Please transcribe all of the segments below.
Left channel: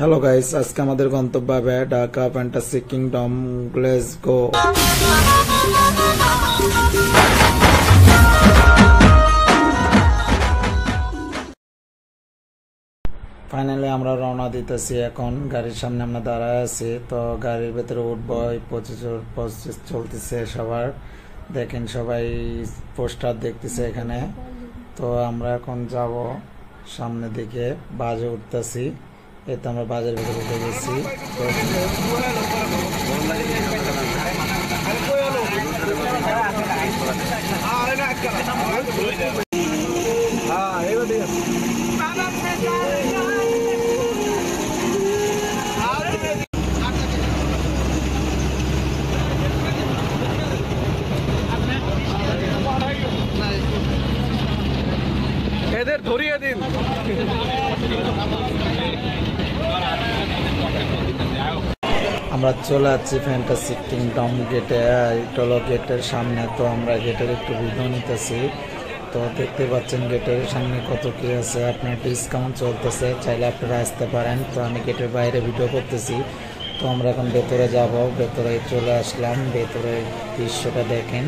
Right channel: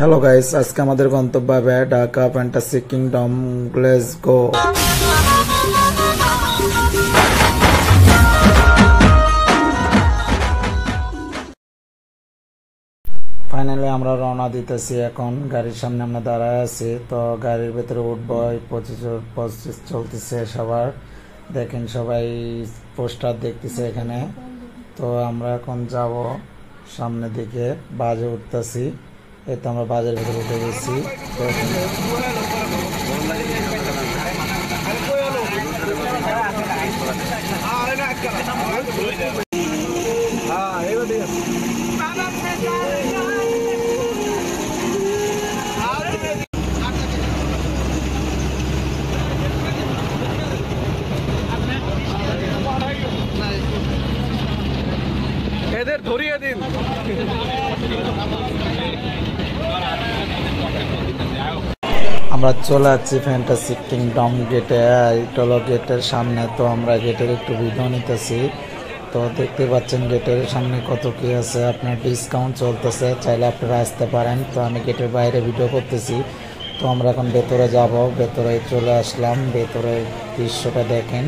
Hello guys, আজকে আমাদের গন্তব্য হবে Dhaka fantasy kingdom. Let's go. Finally আমরা রওনা দিতেছি। এখন গাড়ির সামনে আমরা দাঁড়ায় আছি, তো গাড়ির ভেতরে উঠবো। প্রসেস চলতেছে সবার, দেখেন সবাই পোস্টার দেখতেছে এখানে। তো আমরা এখন যাব সামনের দিকে, বাজে উঠতেছি। এই তো আমরা বাজারের ভেতরে উঠে গেছি। এদের ধরিয়ে দিন। আমরা চলে যাচ্ছি ফ্যান্টাসি কিংডম গেটে। এটা গেটের সামনে, তো আমরা গেটের একটু ভিডিও নিতেছি। তো দেখতে পাচ্ছেন গেটের সামনে কত কি আছে, আপনার ডিসকাউন্ট চলতেছে, চাইলে আপনারা আসতে পারেন। তো আমি গেটের বাইরে ভিডিও করতেছি। তো আমরা এখন ভেতরে যাব, ভেতরে চলে আসলাম। ভেতরে দৃশ্যটা দেখেন,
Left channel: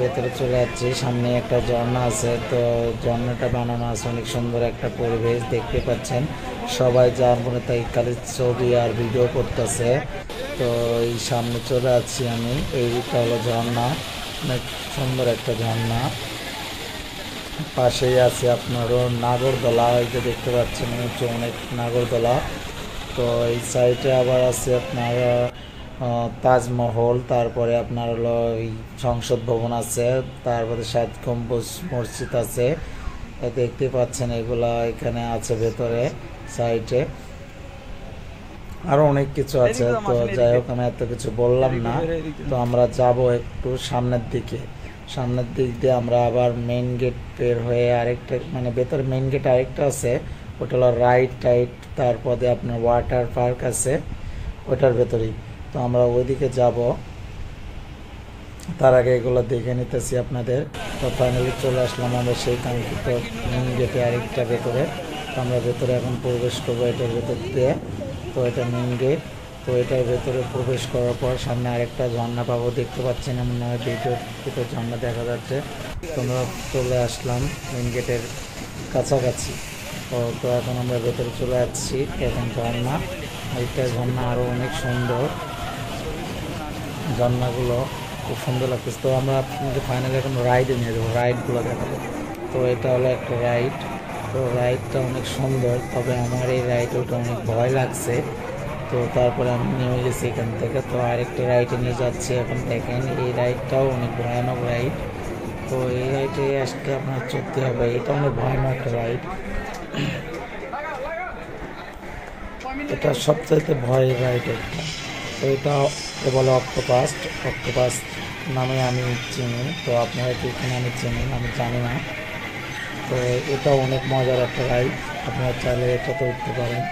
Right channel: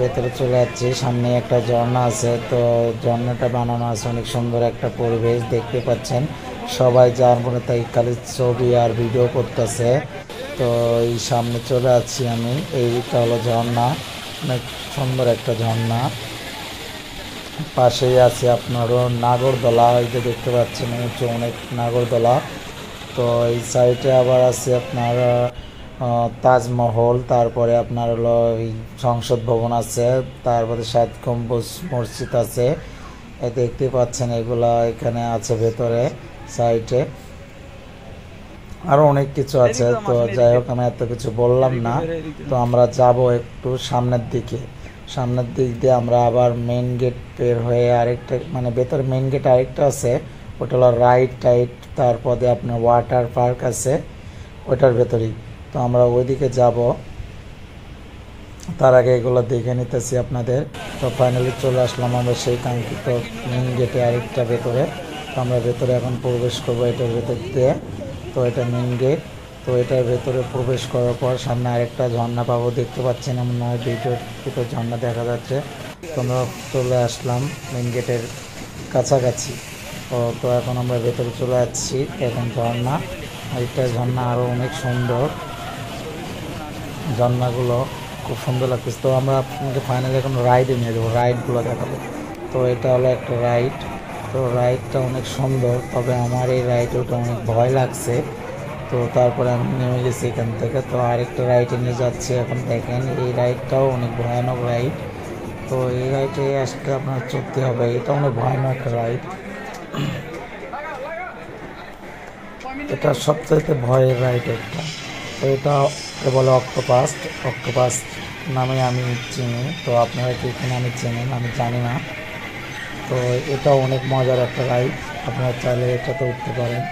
ভেতরে চলে যাচ্ছি। সামনে একটা ঝর্ণা আছে, তো ঝর্ণাটা বানানো আছে, অনেক সুন্দর একটা পরিবেশ দেখতে পাচ্ছেন। সবাই যার মনে তাই খালি ছবি আর ভিডিও করতেছে। তো এই সামনে চলে যাচ্ছি আমি। এইটা হলো ঝর্ণা, অনেক সুন্দর একটা ঝর্ণা। পাশেই আছে আপনারও নাগরদোলা, এই যে দেখতে পাচ্ছেন, এই অনেক নাগরদোলা। তো এই সাইডে আবার আছে আপনার তাজমহল, তারপরে আপনার হলো সংসদ ভবন আছে, তারপরে 7 গম্বুজ মসজিদ আছে, দেখতে পাচ্ছেন এগুলা এখানে আছে ভেতরে সাইডে। আরো অনেক কিছু আছে। তো যাই হোক, আমি এত কিছু বললাম না। তো আমরা যাব একটু সামনের দিকে। সামনের দিক দিয়ে আমরা আবার মেইন গেট বের হয়ে আরেকটা, মানে ভেতরে মেইন গেট আরেকটা আছে, ওটা হলো রাইড টাইড, তারপরে আপনার ওয়াটার পার্ক আছে ওটার ভেতরেই। তো আমরা ওইদিকে যাব, তার আগে এগুলো দেখে নিতেছি আপনাদের। তো ফাইনালি চলে আসলাম আমরা সেই কাঙ্ক্ষিত মেইন গেটে আরেকটা ভেতরে। তো আমরা ভেতরে এখন প্রবেশ করবো এটার ভেতর দিয়ে। তো এটা মেইন গেট। তো এটার ভেতরে প্রবেশ করার পর সামনে আরেকটা ঝর্ণা পাবো, দেখতে পাচ্ছেন এমন নয়, দুটো ঝর্ণা দেখা যাচ্ছে। তো আমরা চলে আসলাম মেইন গেটের কাছাকাছি। তো এখন আমরা ভেতরে চলে যাচ্ছি। এখন ঝর্ণা, আরেকটা ঝর্ণা আরও অনেক সুন্দর, ঝর্ণাগুলো খুব সুন্দর লাগতেছে। তো আমরা আপনাকে ফাইনালি এখন রাইডে নিয়ে যাবো, রাইডগুলো দেখাবো। তো এটা হলো একটা রাইড। তো রাইডটা অনেক সুন্দর, তবে আমার এই রাইডে ওটা অনেক ভয় লাগছে। তো তারপরে আমি নিয়ে গেছি এখান থেকে। তো আরেকটা রাইডে নিয়ে যাচ্ছি এখন, দেখেন এই রাইডটাও অনেক ভয়ানক রাইড। তো এই রাইডে আসলে আপনার চলতে হবে, এটা অনেক ভয়ানক রাইড। এটা সবচাইতে ভয়ের রাইড একটা। তো এটা বলে অক্টোপাস, অক্টোপাস নামে আমি চিনি। তো আপনারা কি নামে চেনেন আমি জানি না। তো এটা অনেক মজার একটা রাইড, আপনারা চাইলে এটাতে উঠতে পারেন।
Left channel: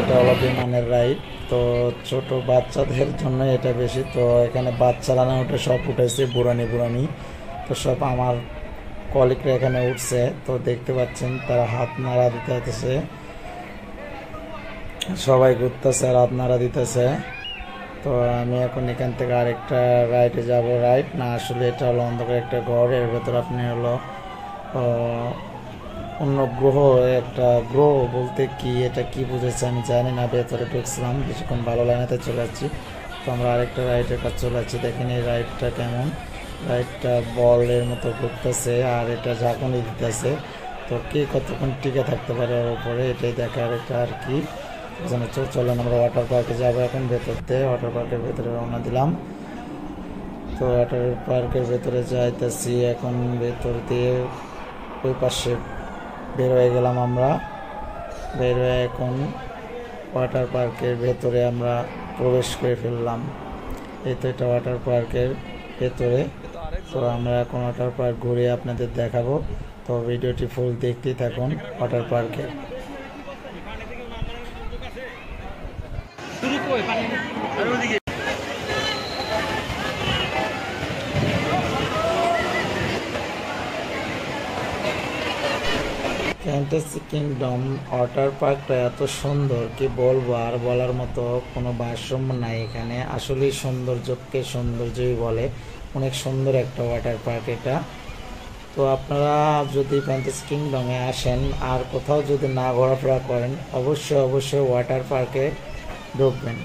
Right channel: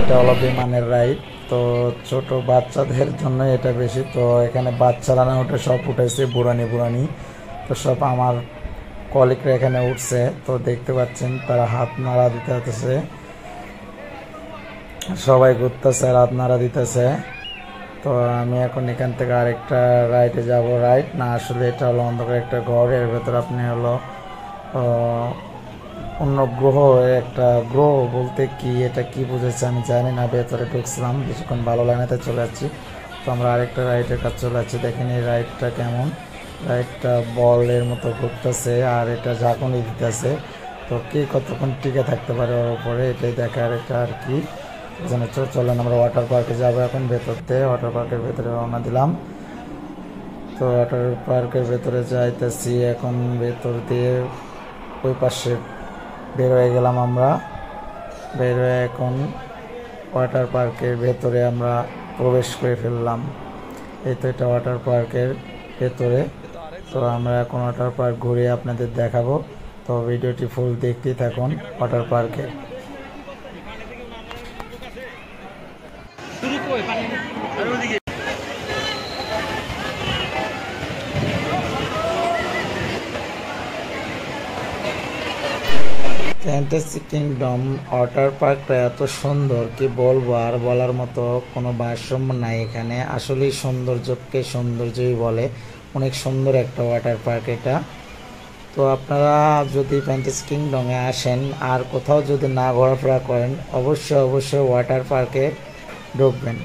এটা হলো বিমানের রাইড। তো ছোট বাচ্চাদের জন্য এটা বেশি। তো এখানে বাচ্চারা না ওটা সব উঠেছে, বুড়ানি। তো সব আমার কলিগরা এখানে উঠছে। তো দেখতে পাচ্ছেন তারা হাত নাড়া দিতেছে, সবাই ঘুরতেছে আর হাত নাড়া দিতেছে। তো আমি এখন এখান থেকে আরেকটা রাইডে যাব। রাইড না, আসলে এটা হলো অন্ধকার একটা ঘর, এর ভেতর আপনি হলো অন্য গ্রহ, একটা গ্রহ বলতে কি, এটা কি বুঝেছে আমি জানি না। ভেতরে ঢুকছিলাম, কিছুক্ষণ ভালো লাইনেতে চলে যাচ্ছি। তো আমরা আরেকটা রাইডের কাছে চলে যাচ্ছি। দেখেন এই রাইডটা কেমন, রাইডটা বলের মতো ঘুরতেছে আর এটা ঝাঁকুনি দিতেছে। তো কে কতক্ষণ টিকে থাকতে পারে ওর উপরে, এটাই দেখার এটা আর কি। চলেন আমরা ওয়াটার পার্কে যাবো এখন। ভেতর দিয়ে ওয়াটার পার্কের ভেতরে রওনা দিলাম। তো ওয়াটার পার্কের ভেতরে যাইতেছি এখন। ভেতর দিয়ে ওই পাশে বের হয়ে গেলাম আমরা। বের হয়ে এখন ওয়াটার পার্কের ভেতরে আমরা প্রবেশ করে ফেললাম। এই তো এটা ওয়াটার পার্কের ভেতরে। তো আমরা এখন ওয়াটার পার্ক ঘুরে আপনাদের দেখাবো। তো ভিডিওটি ফুল দেখতেই থাকুন ওয়াটার পার্কে। ফ্যান্টাসি কিংডম ওয়াটার পার্কটা এত সুন্দর কি বলবো, আর বলার মতো কোনো ভারসাম্য নাই এখানে। আসলেই সৌন্দর্যকে সৌন্দর্যই বলে, অনেক সুন্দর একটা ওয়াটার পার্ক এটা। তো আপনারা যদি ফ্যান্টাসি কিংডমে আসেন আর কোথাও যদি না ঘোরাফেরা করেন, অবশ্যই অবশ্যই ওয়াটার পার্কে ঢুকবেন।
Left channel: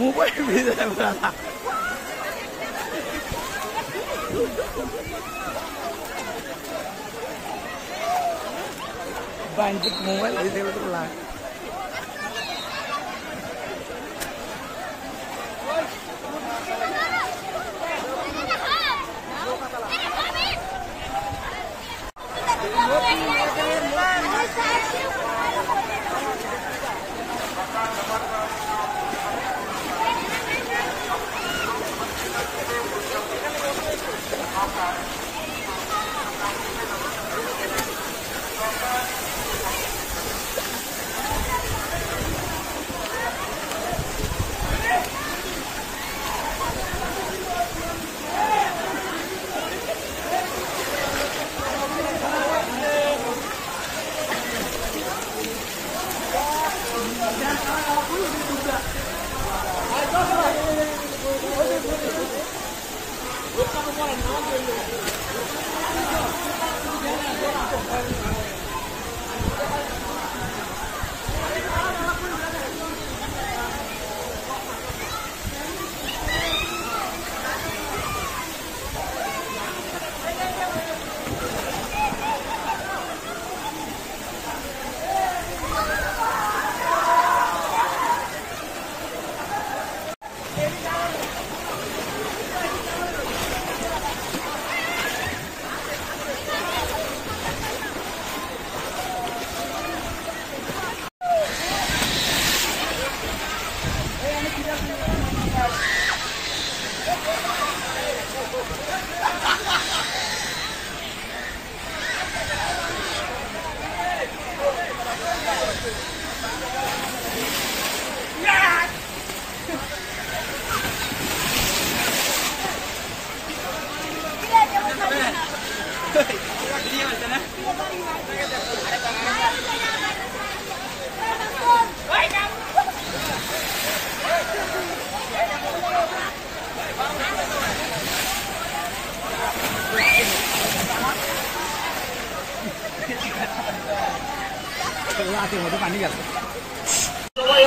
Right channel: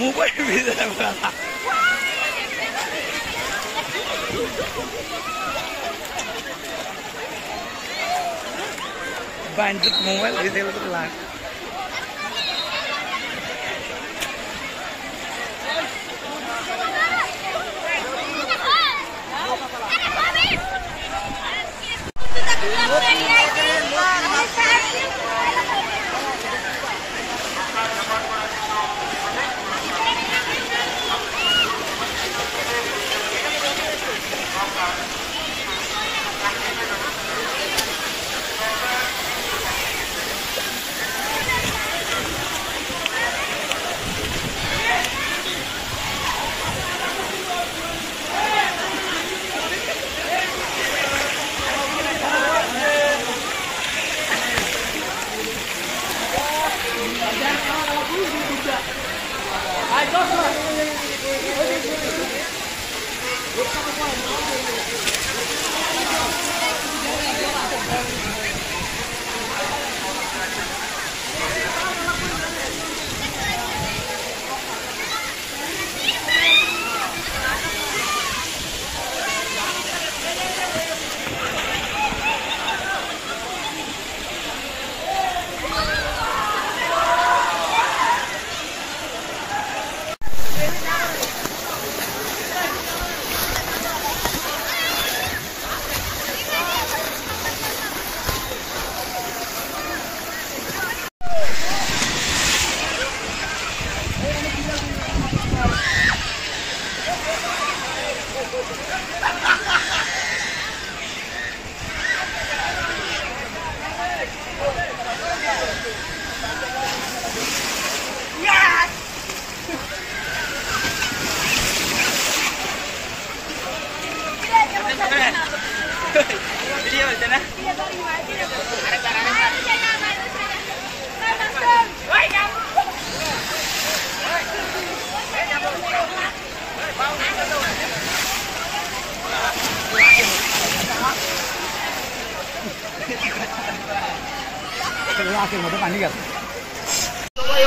মোবাইল ভেজে যাবে মোবাইল ভেজে গেলে তো লাগ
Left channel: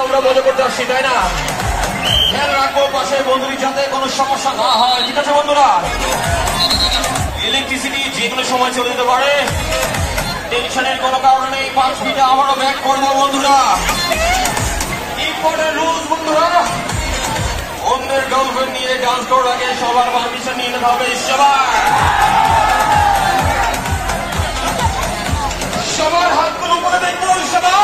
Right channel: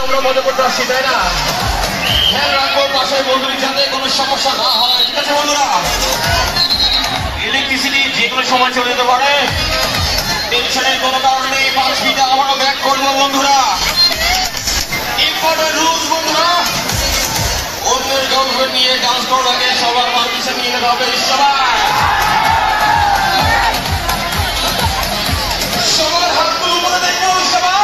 আমরা মনে করতে পারছি, তাই না? খেয়াল রাখবো পাশে বন্ধুর যাতে কোনো সমস্যা না হয়, ঠিক আছে বন্ধুরা? ইলেকট্রিসিটি যে কোনো সময় চলে যেতে পারে, টেনশনের কোনো কারণ নেই। 5 মিনিটে আবারও ব্যাক করবো বন্ধুরা। ইম্পর্টেন্ট রুলস বন্ধুরা, অন্যের গার্লফ্রেন্ড নিয়ে ডান্স করার আগে সবার পারমিশন নিয়ে নিতে হবে। সবার হাতগুলো উপরে দেখবো সবাই।